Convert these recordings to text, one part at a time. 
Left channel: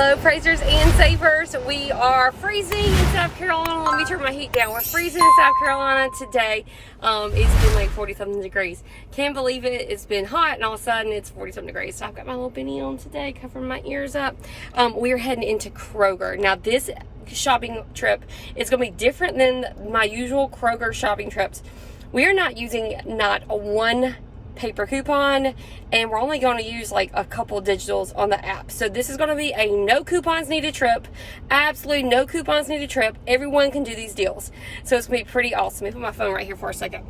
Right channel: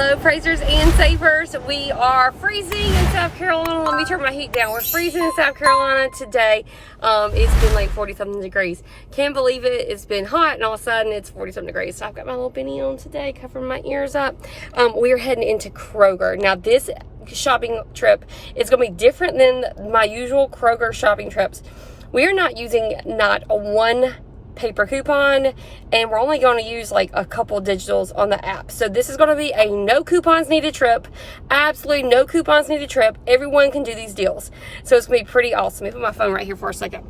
Hello, praisers and savers. We are freezing in South Carolina. Let me turn my heat down. We're freezing in South Carolina today. It's been like 40-something degrees. Can't believe it. It's been hot and all of a sudden it's 40-something degrees. So I've got my little beanie on today, covering my ears up. We are heading into Kroger. Now this shopping trip is going to be different than my usual Kroger shopping trips. We are not using not one paper coupon, and we're only going to use like a couple digitals on the app. So this is going to be a no coupons needed trip. Absolutely no coupons needed trip. Everyone can do these deals. So it's going to be pretty awesome. Let me put my phone right here for a second.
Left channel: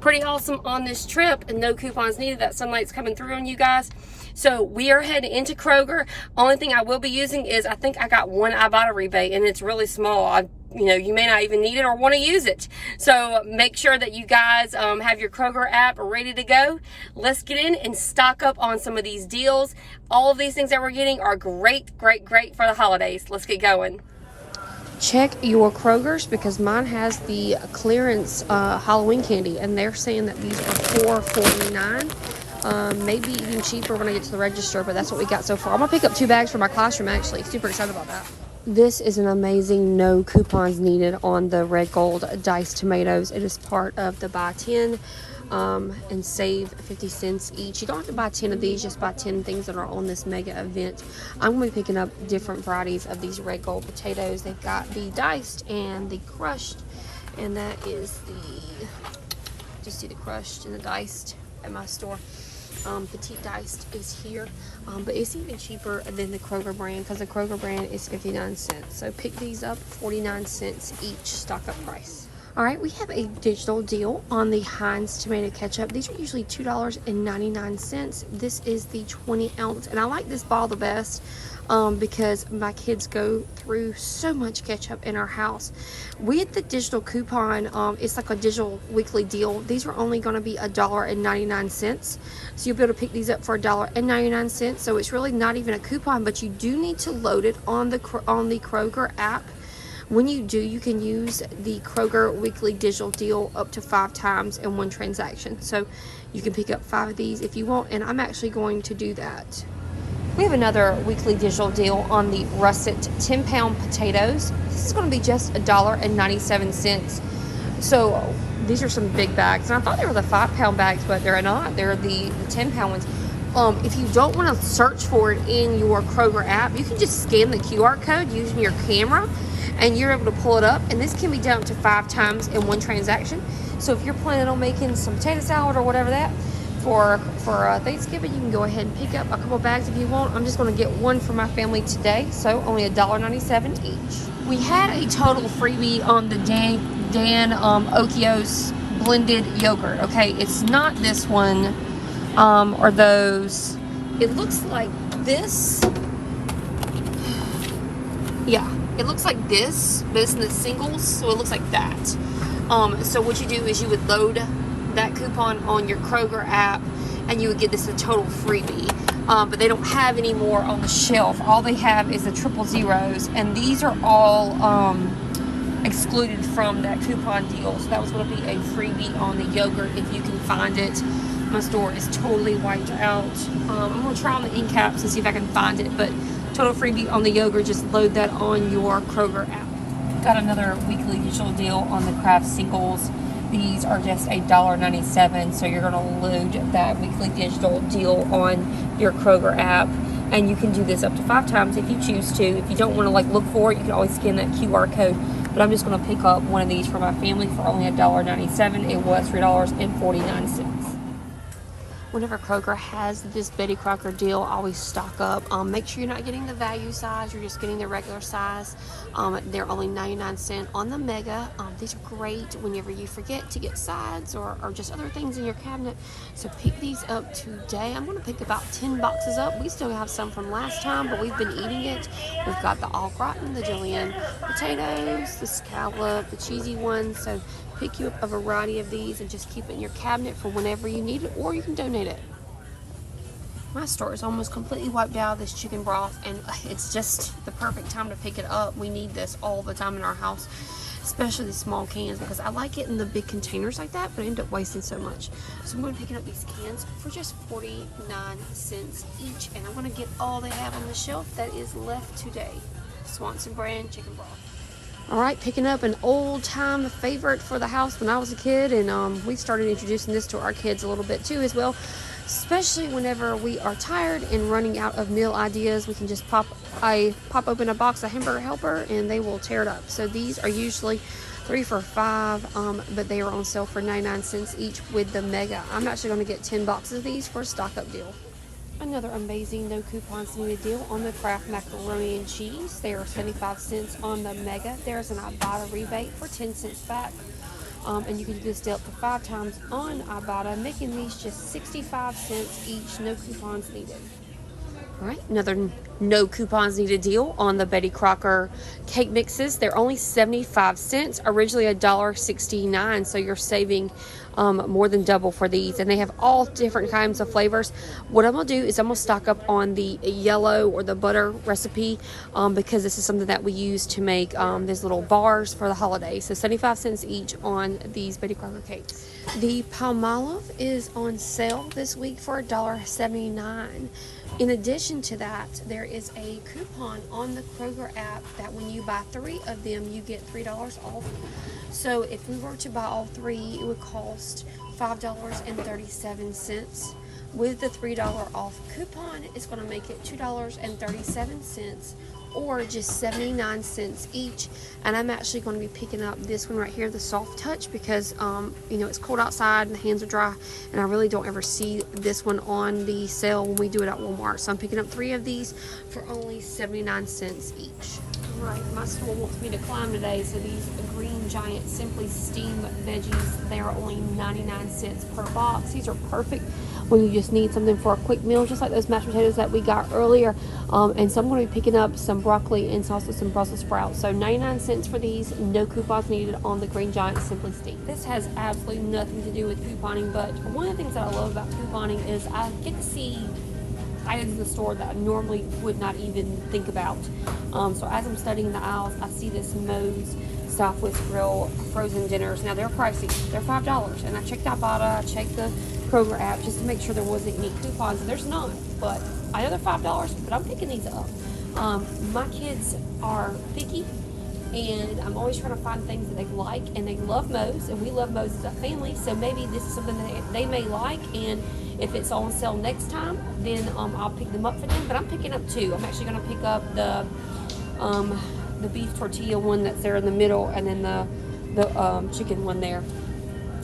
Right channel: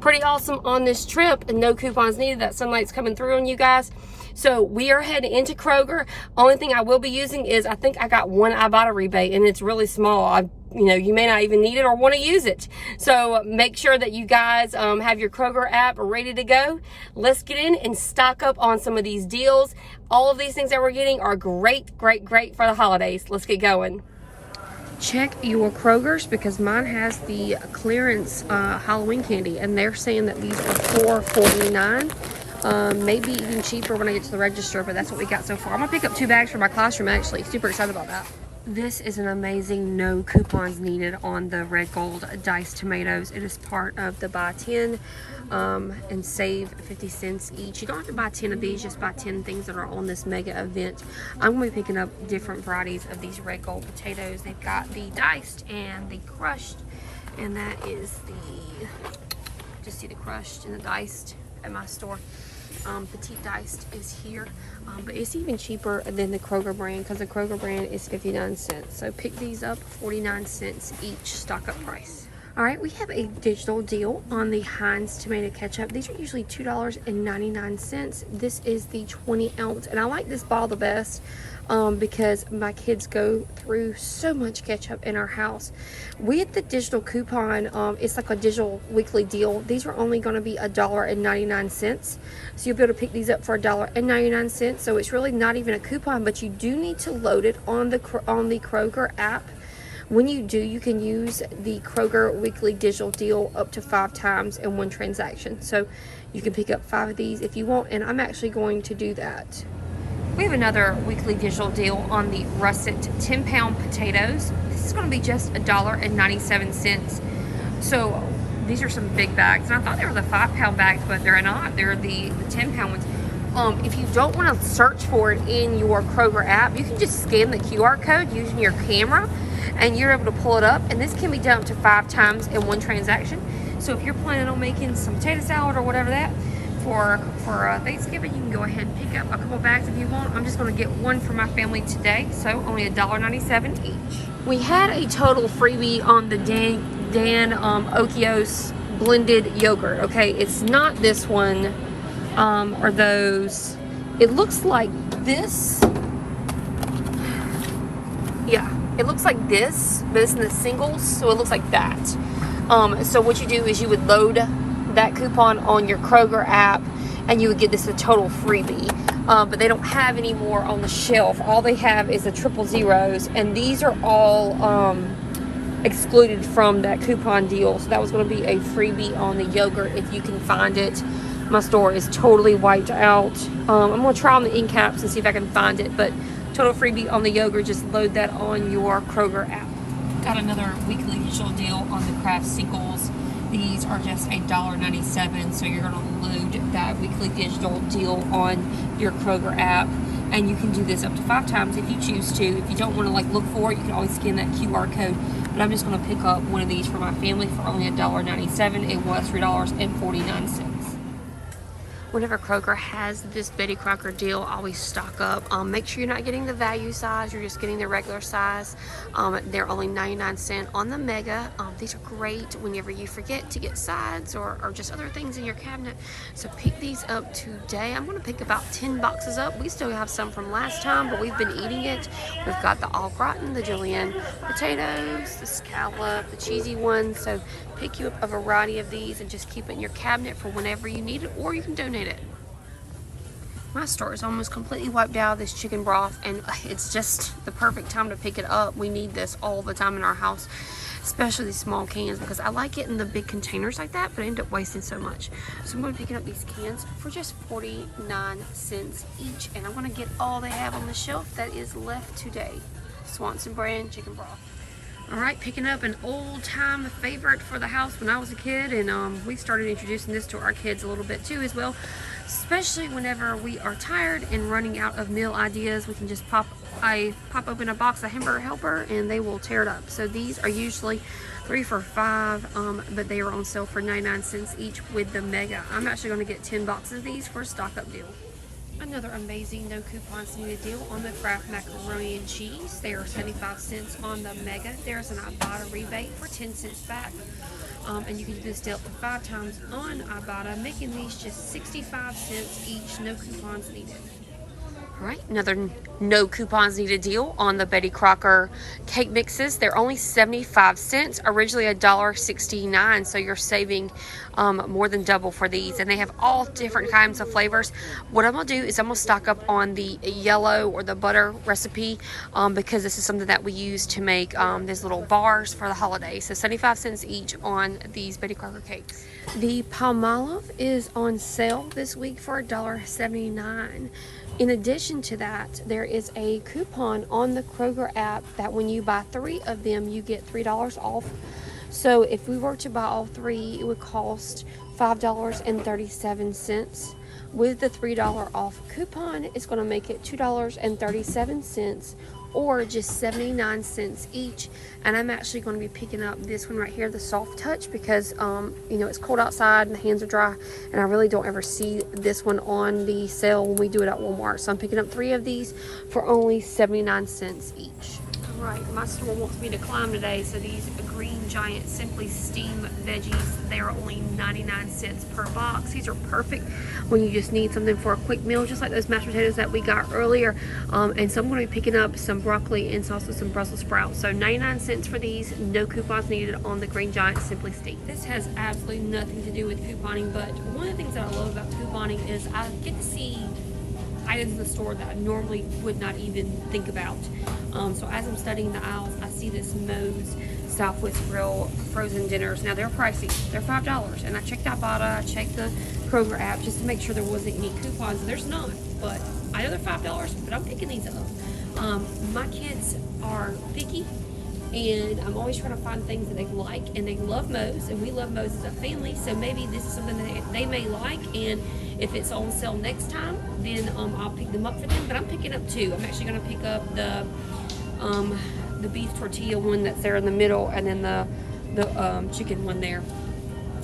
Pretty awesome on this trip, and no coupons needed. That sunlight's coming through on you guys. So we are heading into Kroger. Only thing I will be using is, I think I got one IBOTTA rebate, and it's really small. You may not even need it or want to use it. So make sure that you guys have your Kroger app ready to go. Let's get in and stock up on some of these deals. All of these things that we're getting are great, great, great for the holidays. Let's get going. Check your Kroger's, because mine has the clearance Halloween candy, and they're saying that these are $4.49. Maybe even cheaper when I get to the register, but that's what we got so far. I'm gonna pick up 2 bags for my classroom, actually. Super excited about that. This is an amazing no coupons needed on the red gold diced tomatoes. It is part of the buy 10 and save 50 cents each. You don't have to buy 10 of these, just buy 10 things that are on this mega event. I'm going to be picking up different varieties of these red gold potatoes. They've got the diced and the crushed, and that is the, just see the crushed and the diced at my store. Petite diced is here, but it's even cheaper than the Kroger brand, because the Kroger brand is 59 cents. So pick these up, 49 cents each stock up price. All right, we have a digital deal on the Heinz tomato ketchup. These are usually $2.99. This is the 20 ounce, and I like this ball the best because my kids go through so much ketchup in our house. With the digital coupon, it's like a digital weekly deal. These are only going to be $1.99. So you'll be able to pick these up for $1.99. So it's really not even a coupon, but you do need to load it on the Kroger app. When you do, you can use the Kroger weekly digital deal up to 5 times in one transaction. So you can pick up 5 of these if you want, and I'm actually going to do that. We have another weekly digital deal on the Russet 10-pound potatoes. This is going to be just $1.97. So these are some big bags, and I thought they were the 5-pound bags, but they're not. They're the 10-pound ones. If you don't want to search for it in your Kroger app, you can just scan the QR code using your camera, and you're able to pull it up, and this can be done up to 5 times in one transaction. So if you're planning on making some potato salad or whatever that for Thanksgiving, you can go ahead and pick up a couple bags if you want. I'm just going to get one for my family today, so only $1.97 each. We had a total freebie on the Dan Okios blended yogurt. Okay, it's not this one or those. It looks like this. Yeah, it looks like this, but it's in the singles, so it looks like that. So what you do is you would load that coupon on your Kroger app, and you would get this a total freebie. But they don't have any more on the shelf. All they have is the 000s, and these are all excluded from that coupon deal. So that was going to be a freebie on the yogurt if you can find it. My store is totally wiped out. I'm going to try on the end caps and see if I can find it, but total freebie on the yogurt. Just load that on your Kroger app. Got another weekly digital deal on the Kraft singles. These are just $1.97, so you're going to load that weekly digital deal on your Kroger app, and you can do this up to 5 times if you choose to. If you don't want to look for it, you can always scan that QR code. But I'm just going to pick up one of these for my family for only $1.97. It was $3.49. Whenever Kroger has this Betty Crocker deal, always stock up. Make sure you're not getting the value size, you're just getting the regular size. They're only 99 cents on the mega. These are great whenever you forget to get sides or just other things in your cabinet. So pick these up today. I'm going to pick about 10 boxes up. We still have some from last time, but we've been eating it. We've got the au gratin, the julienne potatoes, the scallop, the cheesy ones. So pick you up a variety of these and just keep it in your cabinet for whenever you need it, or you can donate it. My store is almost completely wiped out of this chicken broth, and it's just the perfect time to pick it up. We need this all the time in our house. especially these small cans, because I like it in the big containers like that, but I end up wasting so much. So I'm going to be picking up these cans for just 49 cents each, and I'm going to get all they have on the shelf that is left today. Swanson brand chicken broth. All right, picking up an old time favorite for the house when I was a kid, and we started introducing this to our kids a little bit too as well. Especially whenever we are tired and running out of meal ideas, we can just pop open a box of Hamburger Helper and they will tear it up. So these are usually 3 for $5, but they are on sale for 99 cents each with the mega. I'm actually going to get 10 boxes of these for a stock up deal. Another amazing no coupons needed deal on the Kraft macaroni and cheese. They are 75 cents on the mega. There's an IBOTTA rebate for 10 cents back. And you can do this deal up to 5 times on IBOTTA, making these just 65 cents each, no coupons needed. All right, another no coupons needed deal on the Betty Crocker cake mixes. They're only 75 cents, originally $1.69, so you're saving more than double for these. And they have all different kinds of flavors. What I'm gonna do is I'm gonna stock up on the yellow or the butter recipe because this is something that we use to make these little bars for the holidays. So 75 cents each on these Betty Crocker cakes. The Palmolive is on sale this week for $1.79. In addition to that, there is a coupon on the Kroger app that when you buy 3 of them, you get $3 off. So if we were to buy all 3, it would cost $5.37. With the $3 off coupon, it's going to make it $2.37 or just 79 cents each. And I'm actually going to be picking up this one right here, the Soft Touch, because you know, it's cold outside and the hands are dry, and I really don't ever see this one on the sale when we do it at Walmart. So I'm picking up 3 of these for only 79 cents each. All right, my store wants me to climb today, so these Green Giant Simply Steam Veggies, they are only 99 cents per box. These are perfect when you just need something for a quick meal, just like those mashed potatoes that we got earlier. And so I'm going to be picking up some broccoli and also some Brussels sprouts. So 99 cents for these, no coupons needed on the Green Giant Simply Steam. This has absolutely nothing to do with couponing, but one of the things that I love about couponing is I get to see items in the store that I normally would not even think about. So as I'm studying the aisles, I see this Moe's Southwest Grill frozen dinners. Now they're pricey, they're $5, and I checked IBOTTA, I checked the Kroger app just to make sure there wasn't any coupons, and there's not, but I know they're $5, but I'm picking these up. My kids are picky, and I'm always trying to find things that they like, and they love Moe's, and we love Moe's as a family, so maybe this is something that they may like, and if it's on sale next time, then I'll pick them up for them. But I'm picking up 2. I'm actually going to pick up the beef tortilla one that's there in the middle, and then the chicken one there.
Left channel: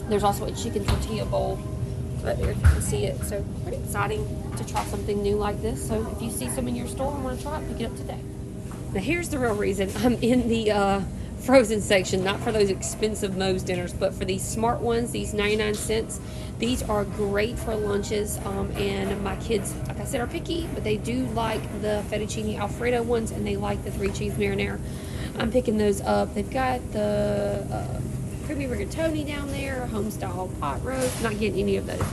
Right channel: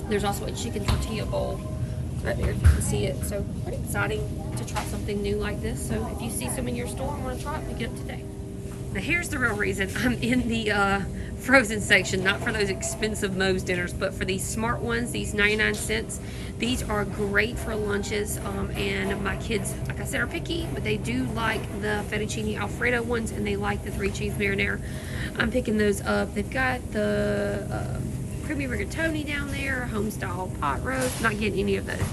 There's also a chicken tortilla bowl right there, you can see it. So pretty exciting to try something new like this. So if you see some in your store and want to try it, pick it up today. Now here's the real reason I'm in the frozen section, not for those expensive Moe's dinners, but for these smart ones, these 99 cents. These are great for lunches, and my kids, like I said, are picky, but they do like the fettuccine Alfredo ones, and they like the 3 cheese marinara. I'm picking those up. They've got the creamy rigatoni down there, home style pot roast. Not getting any of those.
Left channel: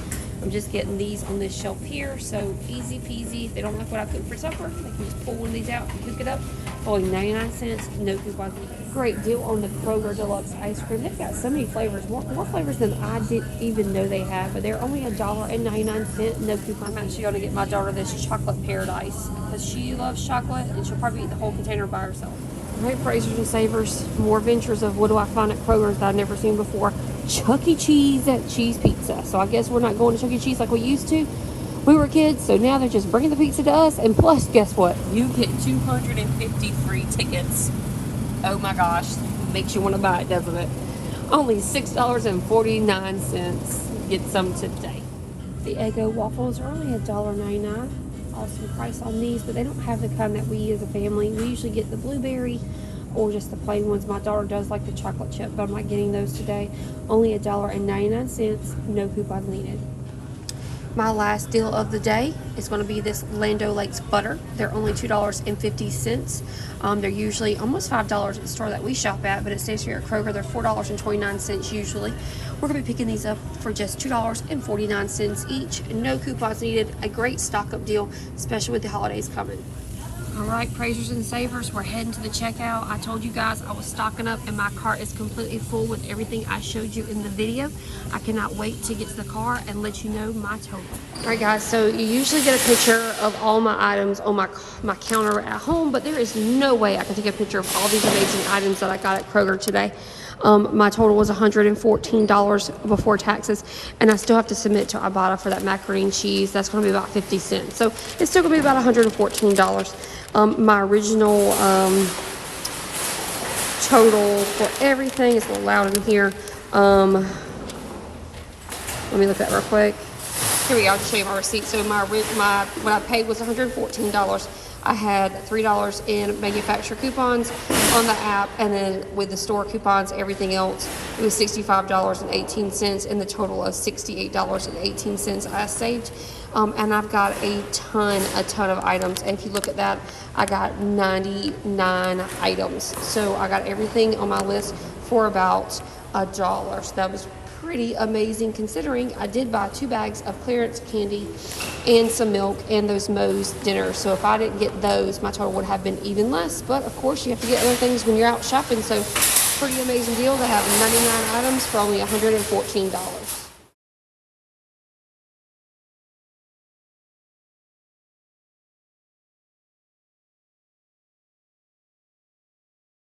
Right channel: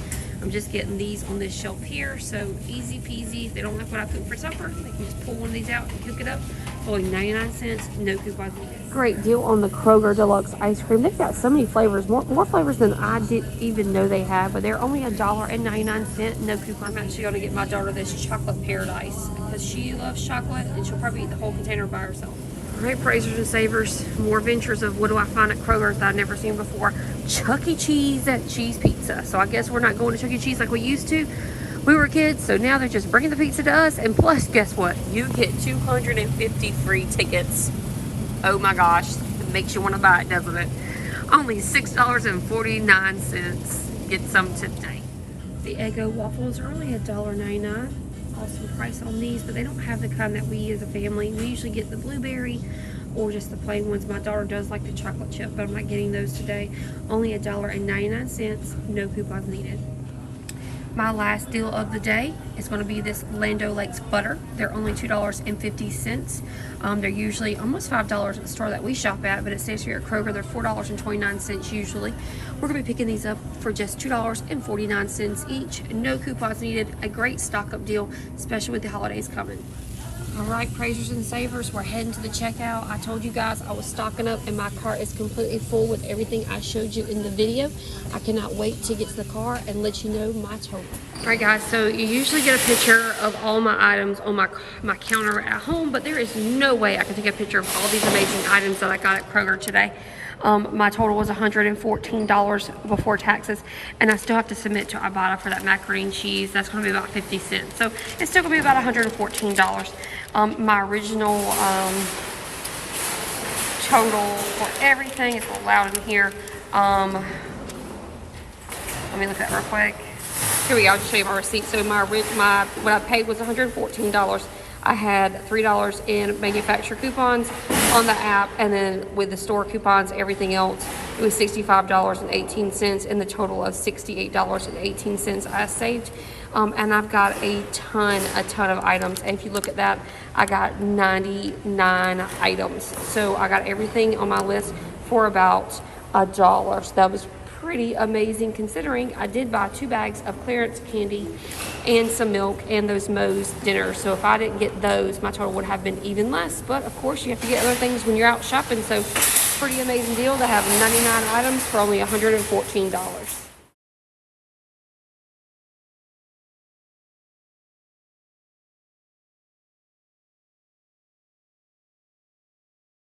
I'm just getting these on this shelf here, so easy peasy. If they don't like what I cook for supper, they can just pull one of these out and cook it up. Only 99 cents, no coupons needed. Great deal on the Kroger Deluxe ice cream. They've got so many flavors, more flavors than I didn't even know they had, but they're only $1.99, no coupons. I'm actually going to get my daughter this chocolate paradise because she loves chocolate, and she'll probably eat the whole container by herself. All right, praisers and savers, more ventures of what do I find at Kroger's that I've never seen before. Chuck E. Cheese cheese pizza. So I guess we're not going to Chuck E. Cheese like we used to. We were kids, so now they're just bringing the pizza to us. And plus, guess what? You get 250 free tickets. Oh my gosh, makes you want to buy it, doesn't it? Only $6.49. Get some today. The Eggo Waffles are only $1.99. Awesome price on these, but they don't have the kind that we eat as a family. We usually get the blueberry or just the plain ones. My daughter does like the chocolate chip, but I'm not getting those today. Only $1.99, no coupons needed. My last deal of the day is going to be this Lando Lakes butter. They're only $2.50. They're usually almost $5 at the store that we shop at, but it stays here at Kroger. They're $4.29 usually. We're going to be picking these up for just $2.49 each. No coupons needed. A great stock up deal, especially with the holidays coming. All right, praisers and savers, we're heading to the checkout. I told you guys I was stocking up and my cart is completely full with everything I showed you in the video. I cannot wait to get to the car and let you know my total. All right, guys, so you usually get a picture of all my items on my counter at home, but there is no way I can take a picture of all these amazing items that I got at Kroger today. My total was $114 before taxes, and I still have to submit to IBOTTA for that macaroni and cheese. That's going to be about 50 cents. So it's still going to be about $114. My original total for everything is a little loud in here. Let me look at that real quick. Here we go. I'll just show you my receipt. So what I paid was $114. I had $3 in manufacturer coupons on the app, and then with the store coupons, everything else, it was $65.18, and the total of $68.18 I saved. And I've got a ton of items. And if you look at that, I got 99 items. So I got everything on my list for about $1. So that was pretty amazing, considering I did buy 2 bags of clearance candy and some milk and those Moe's dinners. So if I didn't get those, my total would have been even less. But of course, you have to get other things when you're out shopping. So pretty amazing deal to have 99 items for only $114.